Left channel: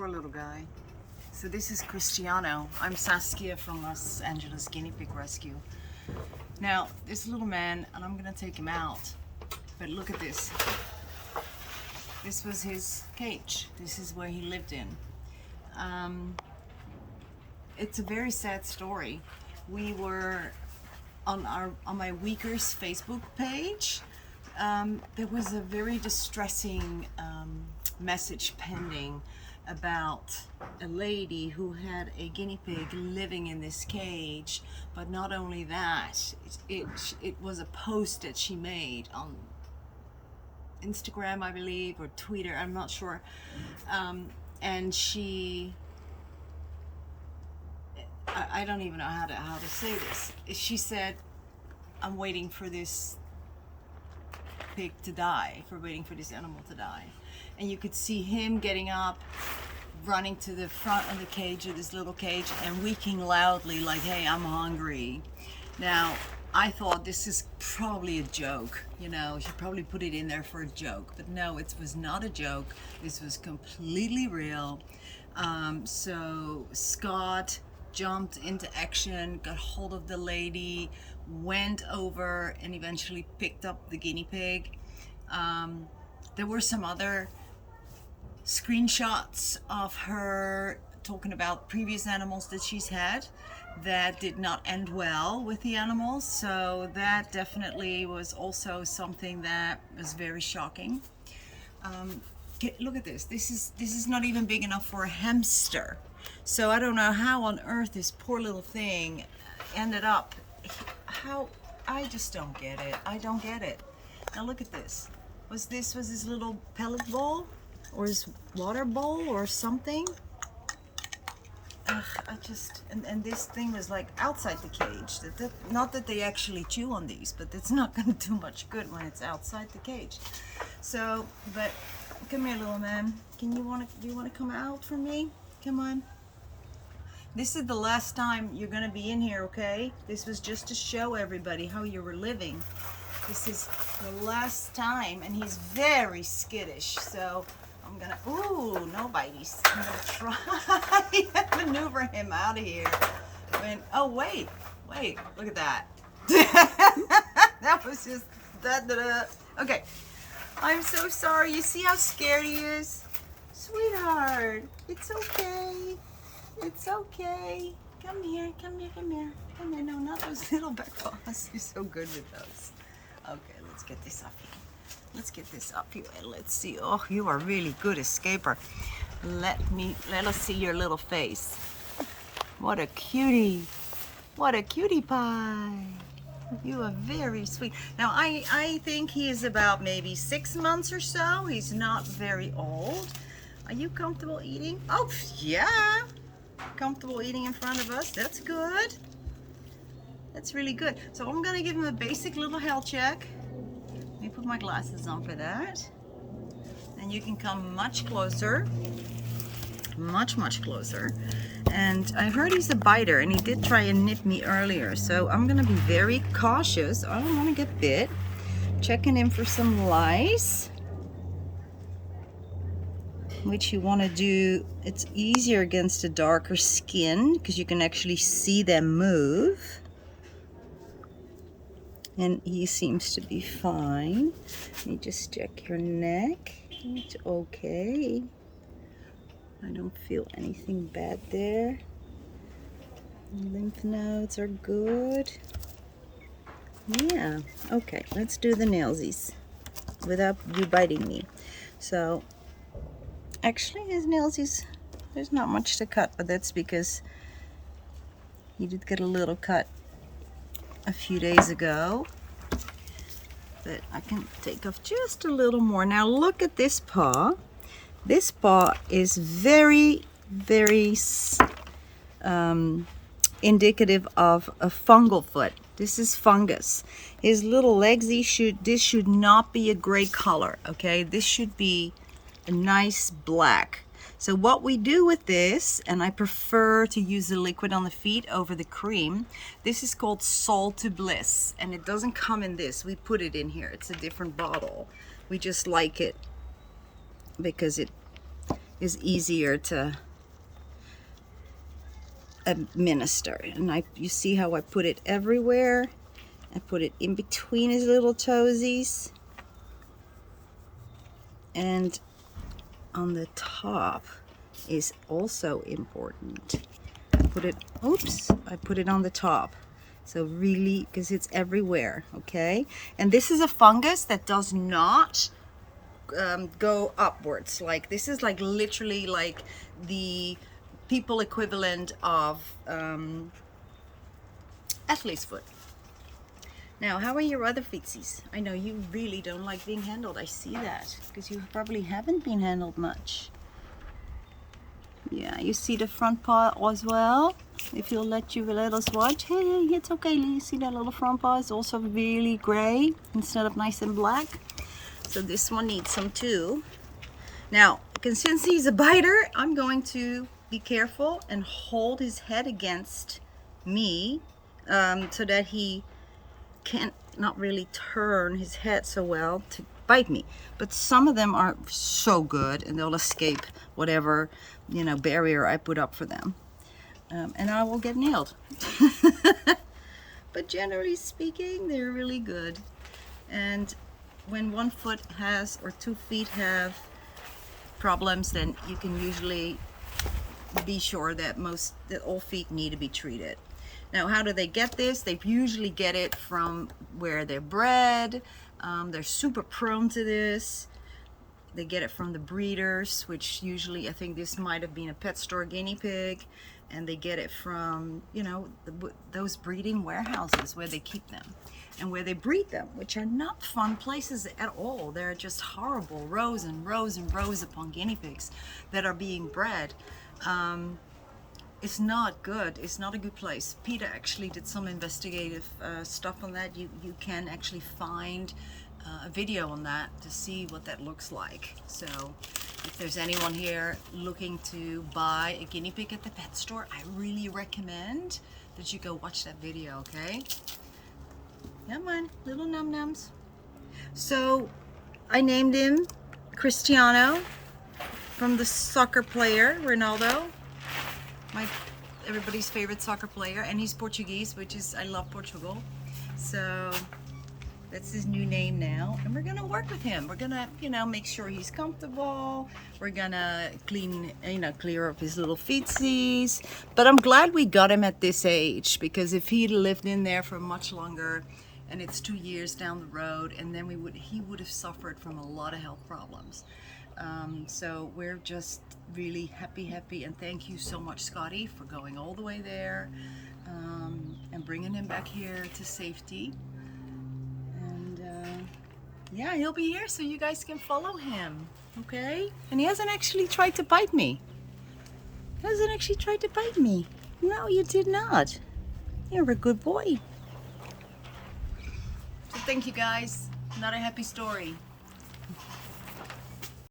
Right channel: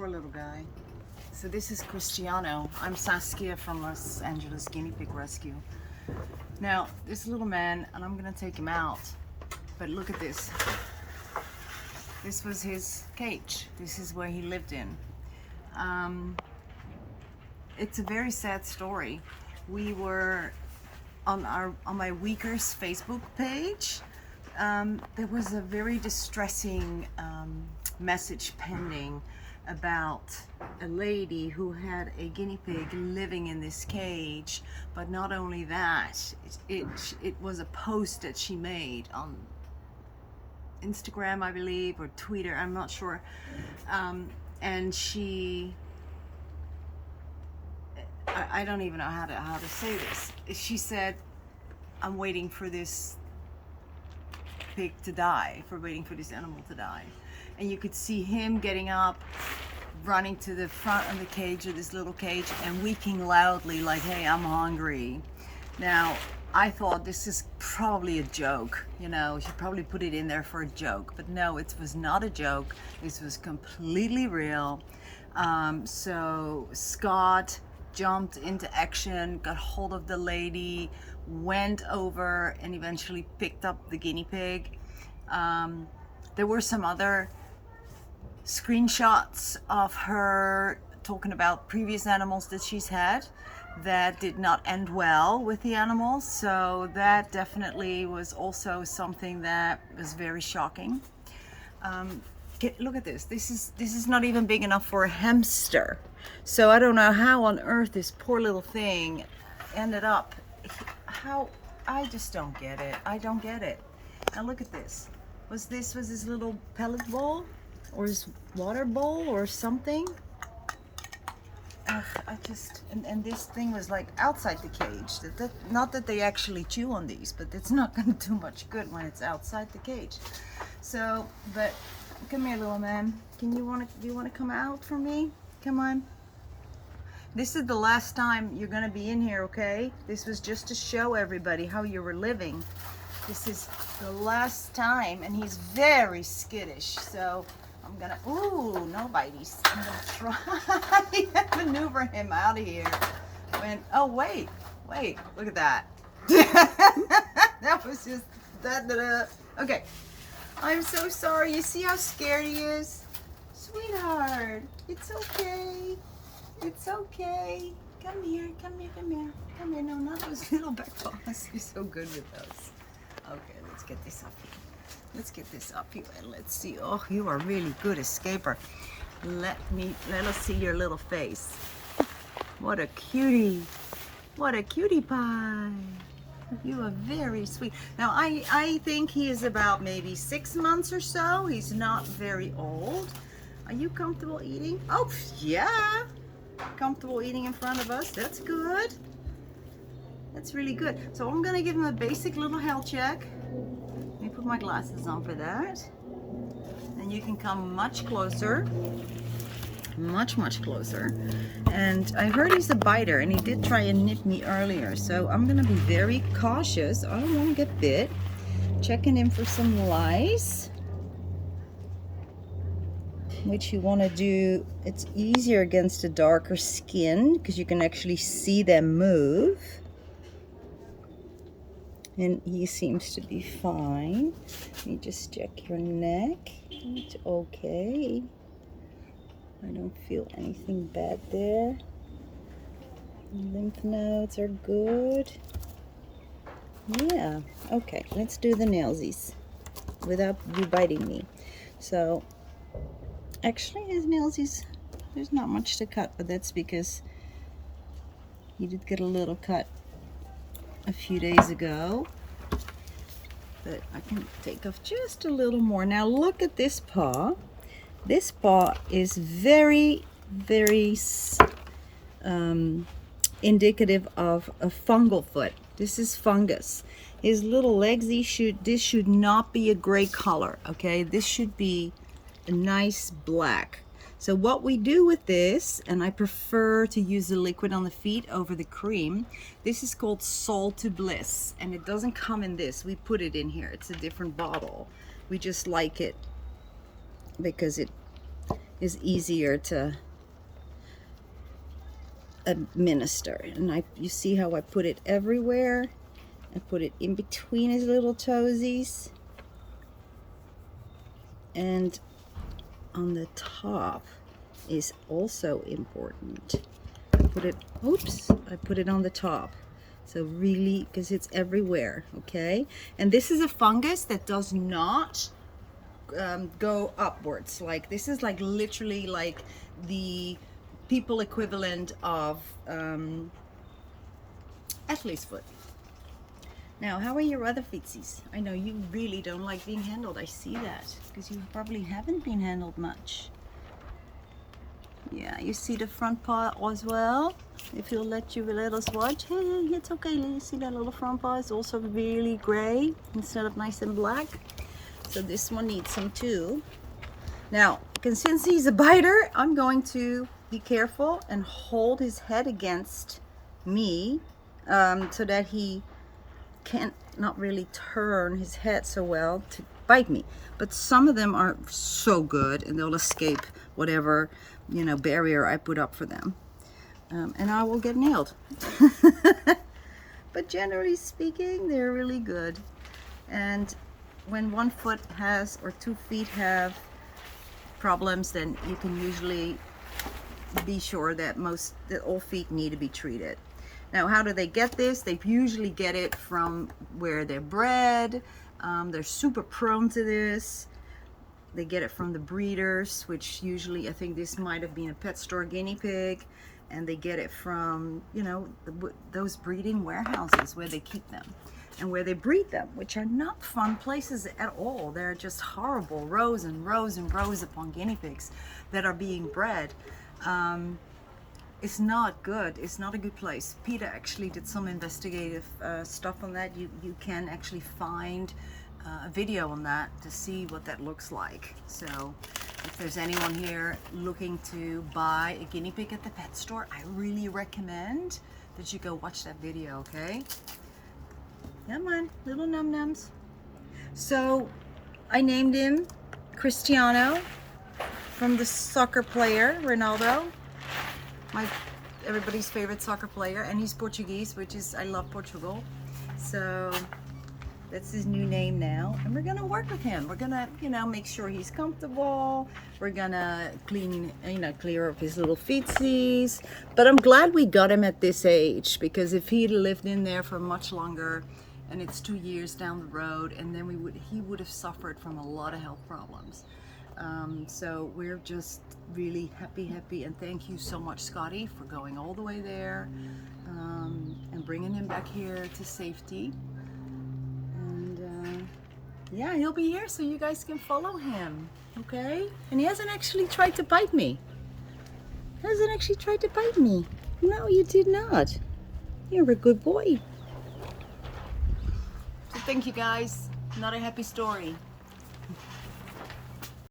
Poor little guy. So this is Cristiano. I'm Saskia from Los Angeles Guinea Pig Rescue. Now, this little man, and I'm gonna take him out, but look at this. This was his cage. This is where he lived in. It's a very sad story. We were on my Weakers Facebook page. There was a very distressing message pending about a lady who had a guinea pig living in this cage. But not only that, it was a post that she made on Instagram, I believe, or Twitter, I'm not sure, and she, I don't even know how to say this. She said, I'm waiting for this pig to die, waiting for this animal to die. And you could see him getting up, running to the front of the cage, of this little cage, and weeping loudly like, hey, I'm hungry. Now, I thought this is probably a joke, you know, she probably put it in there for a joke, but no, it was not a joke. This was completely real. So Scott jumped into action, got hold of the lady, went over and eventually picked up the guinea pig. There were some other screenshots of her talking about previous animals that she's had that did not end well with the animals, so that definitely was also something that was very shocking. Look at this. This is not even big enough for a hamster, so I don't know how on earth this poor little thing ended up. How, I just don't get it. I don't get it. Now look at this. Was his little pellet bowl or his water bowl or something? I just, and this thing was like outside the cage. Not that they actually chew on these, but it's not going to do much good when it's outside the cage. So, but come here, little man. Do you want to come out for me? Come on. This is the last time you're going to be in here, okay? This was just to show everybody how you were living. This is the last time, and he's very skittish, so I'm gonna, ooh, no bites. I'm gonna try and maneuver him out of here. Oh wait, look at that. That was just, okay. I'm so sorry, you see how scared he is? Sweetheart, it's okay. It's okay. Come here. No, not those little back paws. You're so good with those. Okay, let's get this up here. Let's get this up here and let's see. Oh, you are really good escaper. Let us see your little face. What a cutie. What a cutie pie. You are very sweet. Now, I think he is about maybe 6 months or so. He's not very old. Are you comfortable eating? Oh, yeah. Comfortable eating in front of us. That's good. That's really good. So I'm gonna give him a basic little health check. Let me put my glasses on for that. And you can come much closer. Much closer. And I heard he's a biter, and he did try and nip me earlier. So I'm gonna be very cautious. I don't wanna get bit. Checking in for some lice, which you want to do. It's easier against a darker skin because you can actually see them move. And he seems to be fine. Let me just check your neck. It's okay. I don't feel anything bad there. Lymph nodes are good. Yeah, okay, let's do the nailsies without you biting me. So actually his nailsies, there's not much to cut, but that's because he did get a little cut a few days ago. But I can take off just a little more. Now look at this paw. This paw is very indicative of a fungal foot. This is fungus. His little legs, this should not be a gray color, okay? This should be a nice black. So what we do with this, and I prefer to use the liquid on the feet over the cream, this is called Soul to Bliss, and it doesn't come in this. We put it in here. It's a different bottle. We just like it because it is easier to administer. And you see how I put it everywhere? I put it in between his little toesies and on the top is also important. Put it, oops, I put it on the top. So really, because it's everywhere, okay? And this is a fungus that does not go upwards. Like this is like literally like the people equivalent of athlete's foot. Now, how are your other feetsies? I know you really don't like being handled. I see that because you probably haven't been handled much. Yeah, you see the front paw as well. If you'll let us watch. Hey, it's okay. You see that little front paw is also really gray instead of nice and black. So this one needs some too. Now, since he's a biter, I'm going to be careful and hold his head against me so that he can't not really turn his head so well to bite me. But some of them are so good and they'll escape whatever, you know, barrier I put up for them. And I will get nailed. But generally speaking, they're really good. And when 1 foot has or 2 feet have problems, then you can usually be sure that all feet need to be treated. Now, how do they get this? They usually get it from where they're bred. They're super prone to this. They get it from the breeders, which usually, I think this might have been a pet store guinea pig. And they get it from, you know, those breeding warehouses where they keep them and where they breed them, which are not fun places at all. They're just horrible rows and rows and rows upon guinea pigs that are being bred. It's not good. It's not a good place. Peter actually did some investigative stuff on that. You can actually find a video on that to see what that looks like. So if there's anyone here looking to buy a guinea pig at the pet store, I really recommend that you go watch that video, okay? Come on, little num-nums. So I named him Cristiano from the soccer player, Ronaldo. Everybody's favorite soccer player, and he's Portuguese, which is, I love Portugal. So that's his new name now, and we're gonna work with him. We're gonna, you know, make sure he's comfortable. We're gonna clear up his little feetsies. But I'm glad we got him at this age, because if he'd lived in there for much longer, and it's 2 years down the road, and then he would have suffered from a lot of health problems. So we're just really happy, and thank you so much, Scotty, for going all the way there and bringing him back here to safety. And yeah, he'll be here so you guys can follow him, okay? And he hasn't actually tried to bite me. He hasn't actually tried to bite me. No, you did not. You're a good boy. So thank you guys. Not a happy story.